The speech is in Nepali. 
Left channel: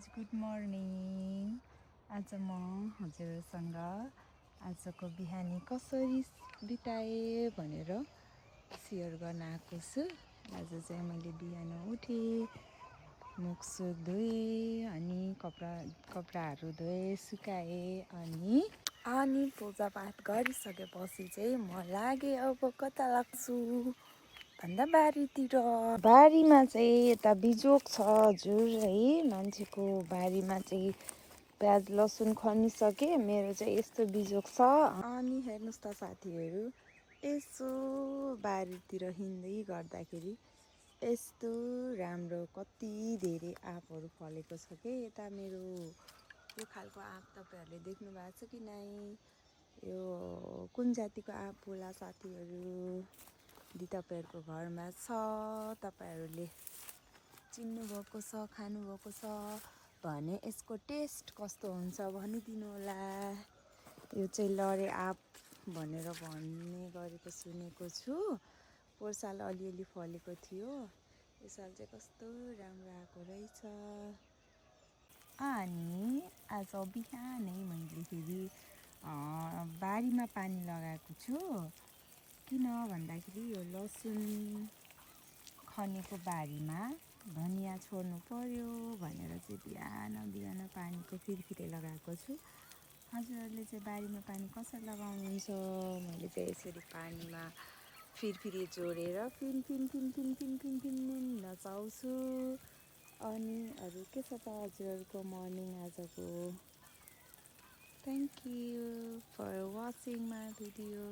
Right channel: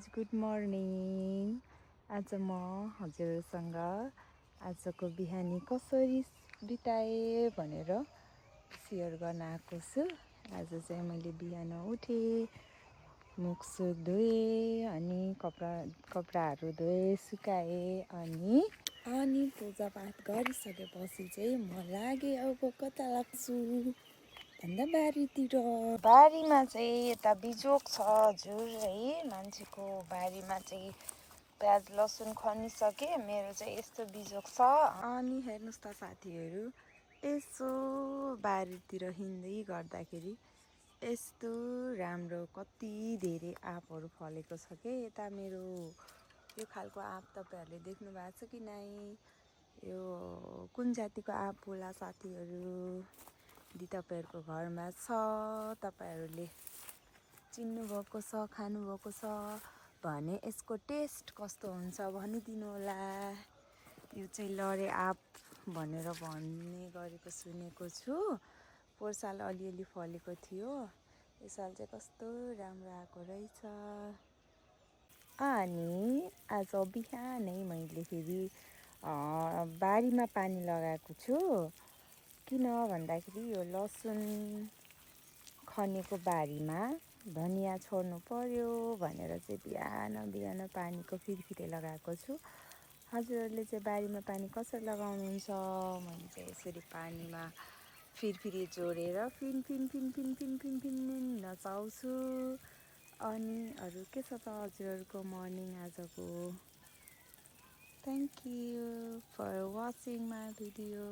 Guys good morning. आज म हजुरसँग आजको बिहानी कसरी बिताएँ भनेर सेयर गर्न आएको छु। आज चाहिँ मैले बिहान उठेँ, मुखसुख धोएँ, अनि कपडाहरू धोएँ, सुकाएँ, अनि पूजापाठ गरिसकेपछि चाहिँ म लागेँ अब कता लाग्छु भन्दा बारीतिर। बारीमा चाहिँ यता बिजोक छ हजुर है, मान्छेको बारीमा चाहिँ प्याज लसुन खनिसके। मेरो चाहिँ यस्तो बिजोक छ। अनि हेर्नुहोस् त साथीहरू, यसो बारीतिर हिँड्दै गर्दाखेरि यस्तो राम्रो कति धेरै आँपहरू फलेको छ के। यता मेरो यो खालको आँप तपाईँहरूले देख्नु भएको छ कि नै? यो कुन जातिको आँप होला साथीहरू? यदि तपाईँहरूको घरमा छ, तपाईँहरूले चिन्नुभएको छ, खानुभएको छ भने यसको टेस्ट कस्तो हुन्छ भनिदिनु होला। यो चाहिँ लरे आँप भनेर भन्ने गरेको सुनेको छु। पोहोर साल अलिअलि फलेको थियो, यो साल चाहिँ कस्तो राम्रो आएको रहेछ। अनि आज बिहानै मैले फेरि बारीमा पानी लगाएको छु। किन भन्दाखेरि यो लसुन खनेको बारीमा धनियाँ छोड्नु पर्यो भनेर चाहिँ बिहान बिहान पानीको फिरफिरे लगाएको छु। हजुरहरूले चाहिँ बारीमा पानी कसरी लगाउनुहुन्छ? मैले चाहिँ यसरी पानीमा फिरफिरे जोडेर फिन फिन फिन फिन फिन फिन फिन नचाउँछु। अनि अरू के छ त हजुरहरूको मर्निङ आजको? Thank you for watching my video.